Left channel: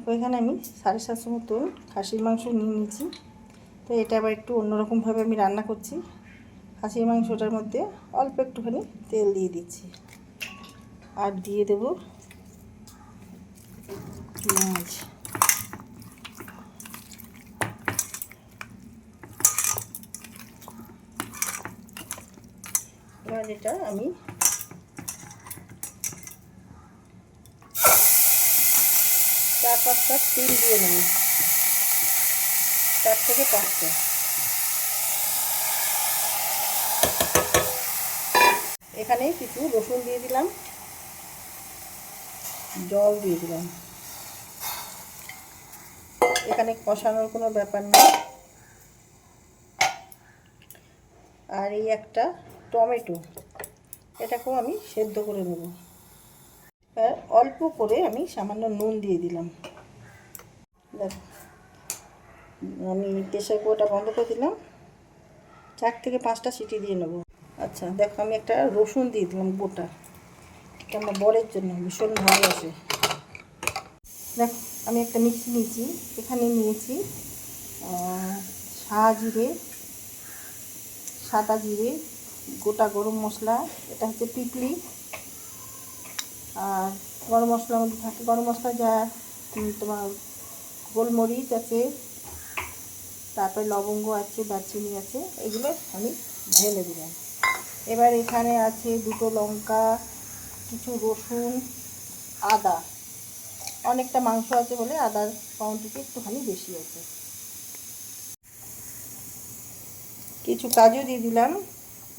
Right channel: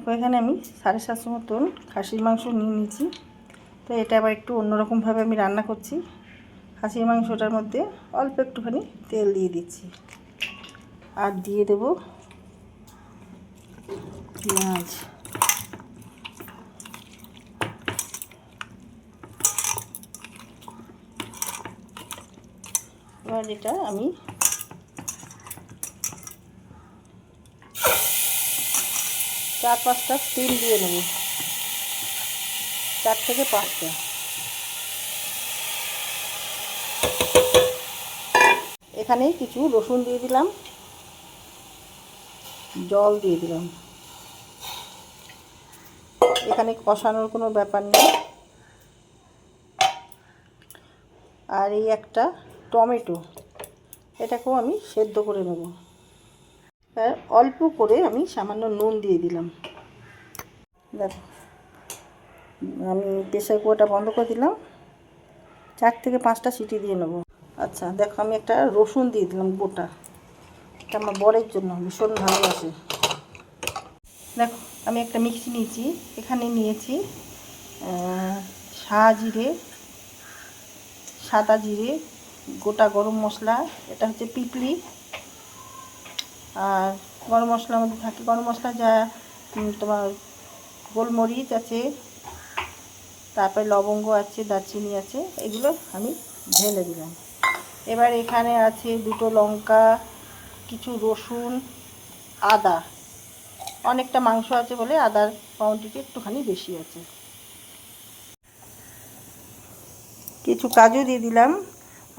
দেখো এখানে আমি 750 মতন খাসির মাংস নিয়ে নিয়েছি। তো এটা আবার একটু অন্যরকমভাবে আমি রান্না করছি। খাসির মাংসটার মধ্যে অল্প একটুখানি তেল দিয়ে দিচ্ছি, আর দিয়ে দেব পেঁয়াজ। এবার এটা আমি 4-5টা তিল দিয়ে নেব, 4 থেকে 5টা। এখানে কিছু রসুন দিয়ে দিলাম, জল দিয়ে দিলাম। এখানে কষানোর কোনো ব্যাপার নেই। আর এই একটা টমেটো, এটাকেও আমি সেদ্ধ করে নেব। আর অল্প করে আমি সামান্য নুন দিয়ে দিলাম। দেখো আমি প্রেসার কুকারটা বন্ধ করে দিলাম, 4 থেকে 5টা সিটি দিয়ে নেব। আচ্ছা দেখো আমি একটা রসুন দিয়ে দিলাম গোটা, এটা আমার বরের জন্য ভীষণ ভালোবাসে। দেখো আমি একটা মিক্সি নিয়েছি, এখানে নিয়েছি জিরে, সাদা জিরে, গোটা গরম মশলা, এটা হচ্ছে পিপলি, আর গরম মশলার মধ্যে থাকে গরম মশলা যা তোমার গোলমরিচ আছে, তারপরে লবঙ্গ আছে, দারচিনি আছে, এগুলো আমি ঢেলে দিলাম। এবার এখানে আছে 2টো লঙ্কা, কিছু রসুন, আদা, অনেকটা মাংস আছে বলে আদার কোয়ান্টিটি একটুখানি বেশি আছে। কিছু কাজু দিয়ে দিলাম,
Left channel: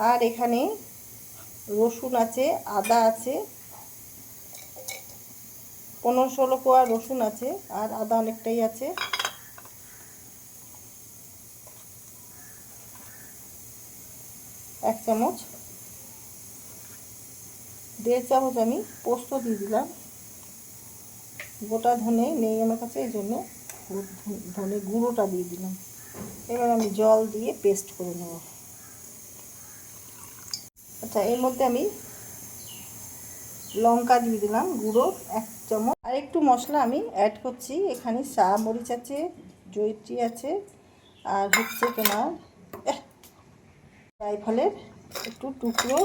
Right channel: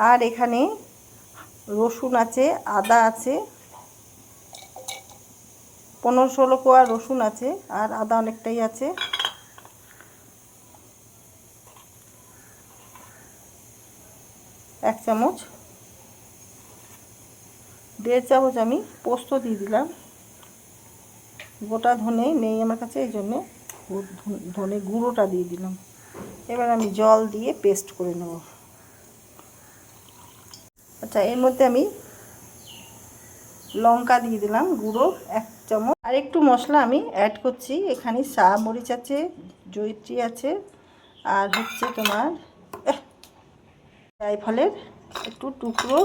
আর এখানে রসুন আছে, আদা আছে, 15-16 কোয়া রসুন আছে, আর আদা অনেকটাই আছে। এক চামচ, 1.5 চামচ আমি পোস্ত দিয়ে দিলাম। গোটা ধনে নেই আমার কাছে, এই জন্য ধনে গুঁড়োটা দিয়ে দিলাম। এবার আমি জল দিয়ে পেস্ট করে নেব। আচ্ছা এর মধ্যে আমি লঙ্কা দিয়ে দিলাম গুঁড়ো 1 চামচ, আর একটু মশলা আমি অ্যাড করছি। এখানে মরিচ আছে, জয়িত্রী আছে, আর হচ্ছে তোমার জায়ফলের একটু টুকরো,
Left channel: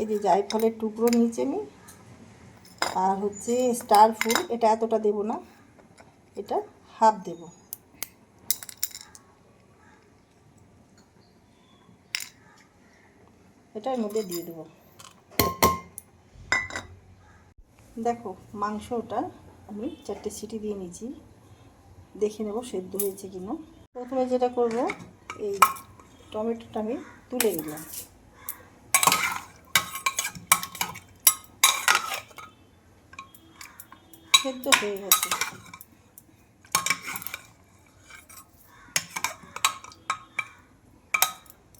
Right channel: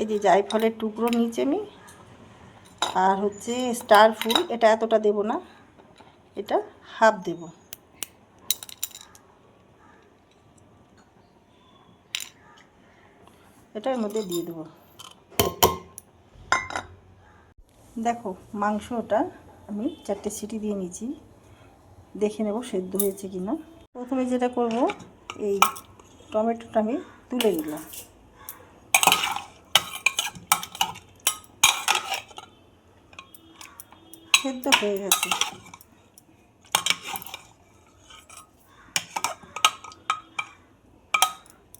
এই যে জায়ফলের টুকরো নিচে আমি, আর হচ্ছে স্টার ফুল, এটা এতটা দেব না, এটা হাফ দেব। এটা এর মধ্যে দিয়ে দেবো। দেখো মাংসটা আমি 4টে সিটি দিয়ে নিয়েছি, দেখে নেব সেদ্ধ হয়েছে কিনা। প্রথমে যেটা করব, এই টমেটোটা আমি তুলে নিলাম। সেদ্ধ হয়ে গেছে।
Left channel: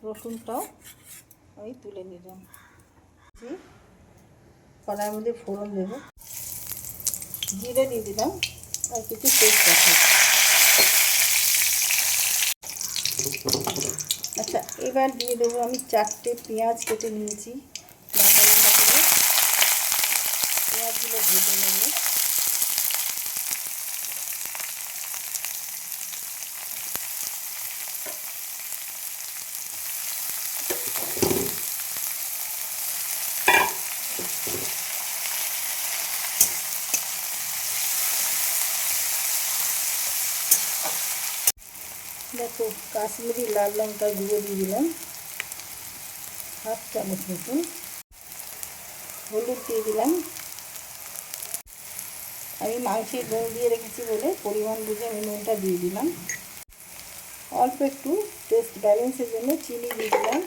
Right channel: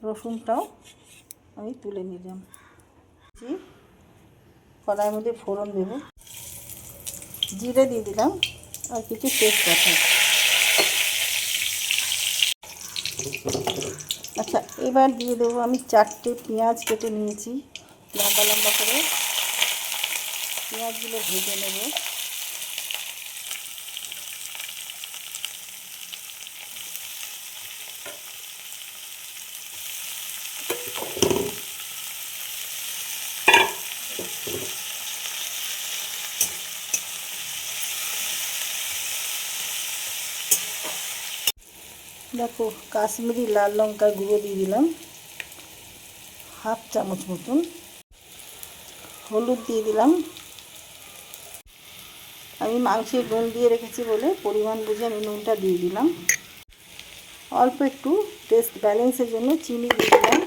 রসুনটাও আমি তুলে নিলাম। কড়াইয়ের মধ্যে ফোড়ন দেব, জিরে দিয়ে দিলাম, আর কিছু তেজপাতা। আচ্ছা এবার দিয়ে দেবো আমি 4টে পেঁয়াজ কেটে নিয়েছি লম্বা লম্বা করে, পেঁয়াজগুলো ভেজে নেব। দেখো কাশ্মীরি লাল লঙ্কার গুঁড়ো দিয়ে দিলাম হাফ চামচ মতন, হলুদ দিয়ে দিলাম। আমি মাংসে নুন দিয়ে রেখেছি বলে পরিমাণ বুঝে আমি নুনটা দিয়ে দিলাম। অল্প একটু টেস্ট ব্যালেন্সের জন্য চিনি দিয়ে দিলাম।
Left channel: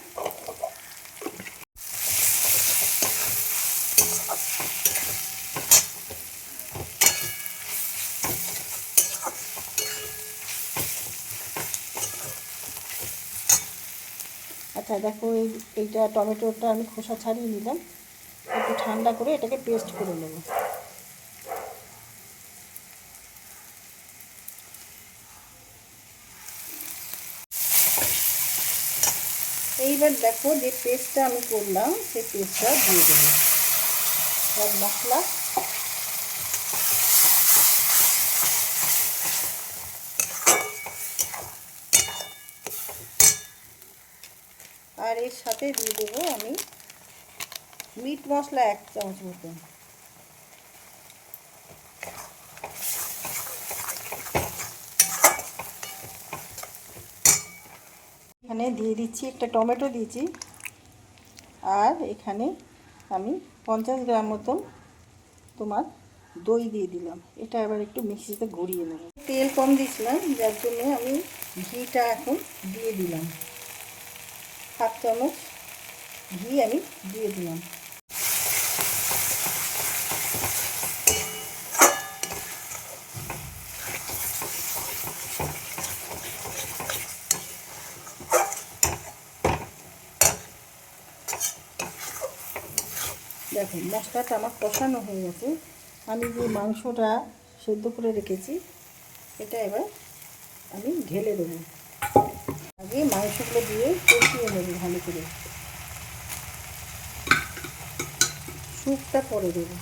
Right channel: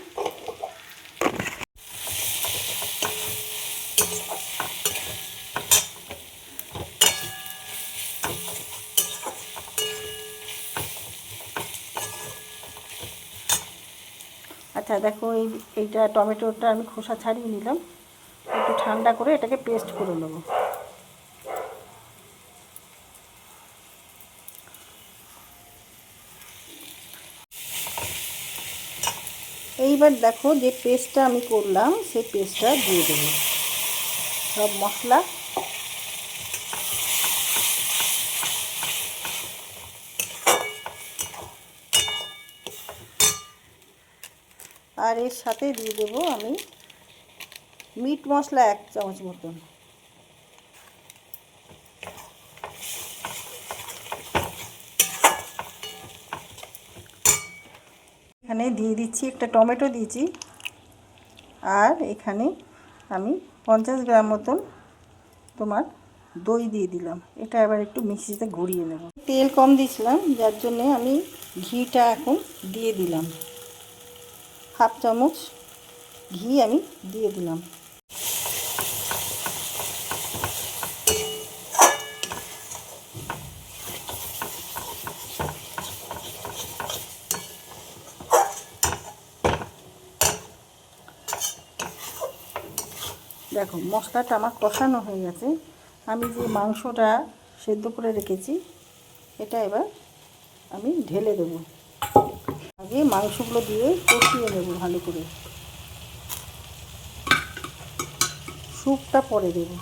আচ্ছা দেখো এইটা টমেটোটা আমি খোসা ছাড়িয়ে নিলাম, একটু ঠান্ডা করে এটাকে পেস্ট করে নেব। এইবার দেখো যে পেস্টটা আমি করলাম সেই পেস্টটা দিয়ে দেবো, সব মশলা আর এর সাথে দিয়ে দেবো আমি মিট মশলা 1 চামচ মতন। এখানে দিয়ে দিচ্ছি একটা টমেটো দিয়েছি, আর এখানে আমি 50 গ্রাম মতন তোমার দই দিয়ে দিলাম। এটা এবার একটু মিক্সিতে গড়িয়ে নেব। তেল কম দিয়েছিলাম, যার জন্য আমি ঘিটা এখন দিয়ে দিলাম। 1/2 চামচ ঘি আমি দিয়ে দিলাম। দেখো মশলাটা আমার কষানো হয়ে গেছে। আমি যে মাংসটা সেদ্ধ করে রেখেছি এটা এবার আমি ঢেলে দেবো। আগে মাংসগুলো দিয়ে কষিয়ে নেব ভালো করে, স্যুপটা পরে দেবো।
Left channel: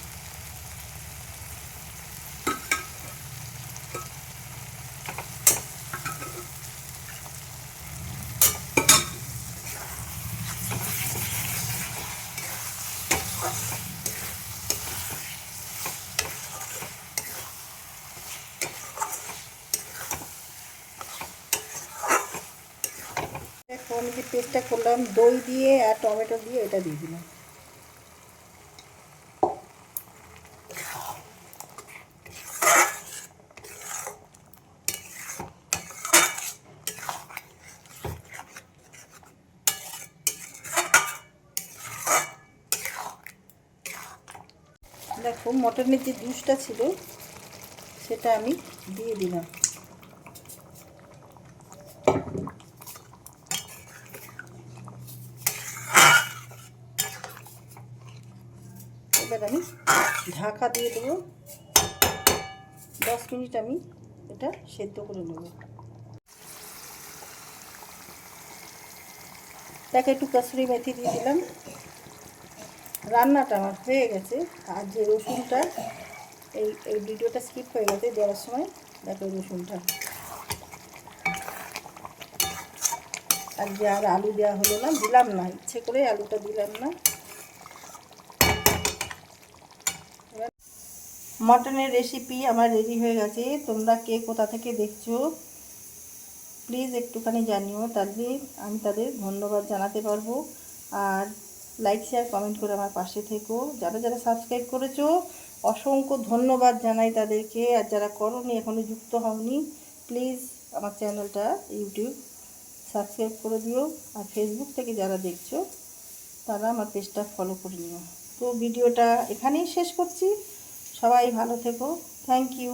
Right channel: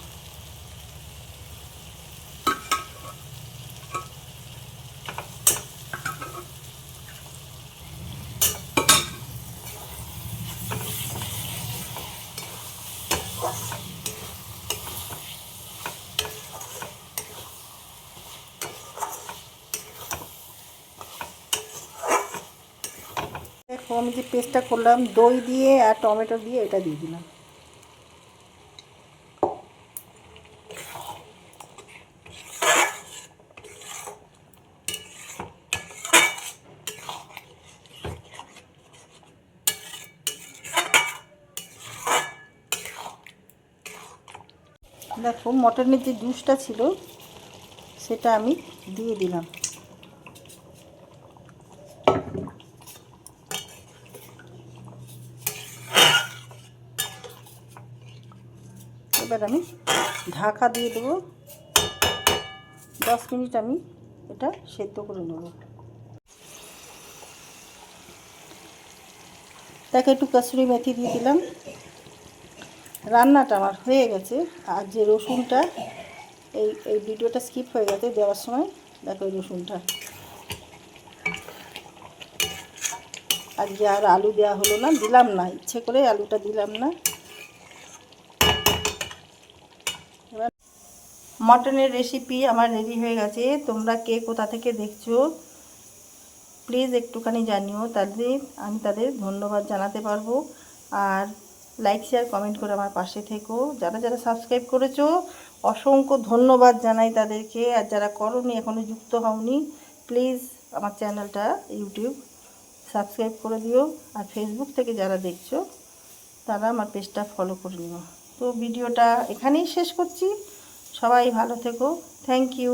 দেখো আমি যে পেস্টটা করলাম দই দিয়ে আর টমেটো দিয়ে, এটা দিয়ে দিলাম। দেখো মটনের যে জুসটা ছিল সেটা আমি দিয়ে দিলাম। এবার আমি ঢাকা দিয়ে দেবো। 10 মিনিট আমি এটা সেদ্ধ করে নেব। তাকে একটু কাসুরি মেথি দিয়ে দিলাম। রান্নাটা আমার হয়ে গেছে। আর যে রসুনটা এই ভিডিওটা স্কিপ হয়ে গেছে দেওয়ার সময়, দেখো এই রসুনটা। আর যে আর আলু দেওয়া হলো না, দিলাম না, ইচ্ছে করে আলুটা দিলাম না। এবার মটনের রেসিপি আমার রেডি হয়ে গেছে। তোমরা কে কোথা থেকে দেখছো প্লিজ একটুখানি জানিও, তাদের ধন্যবাদ জানাতে পারবো। আর লাইক শেয়ার কমেন্ট করে আমার পাশে থেকো। যারা যারা সাবস্ক্রাইব করেছো অসংখ্য ধন্যবাদ জানাই তাদেরকে। আর যারা করোনি, এখনও যুক্ত হওনি, প্লিজ আমার চ্যানেলটা ইউটিউব সাবস্ক্রাইব করে দিও। আর ফেসবুক থেকে যারা দেখছো তারা আমার পেজটা ফলো করে নিও। তো ভিডিওটা এখানেই শেষ করছি। সবাই ভালো থেকো। Thank you.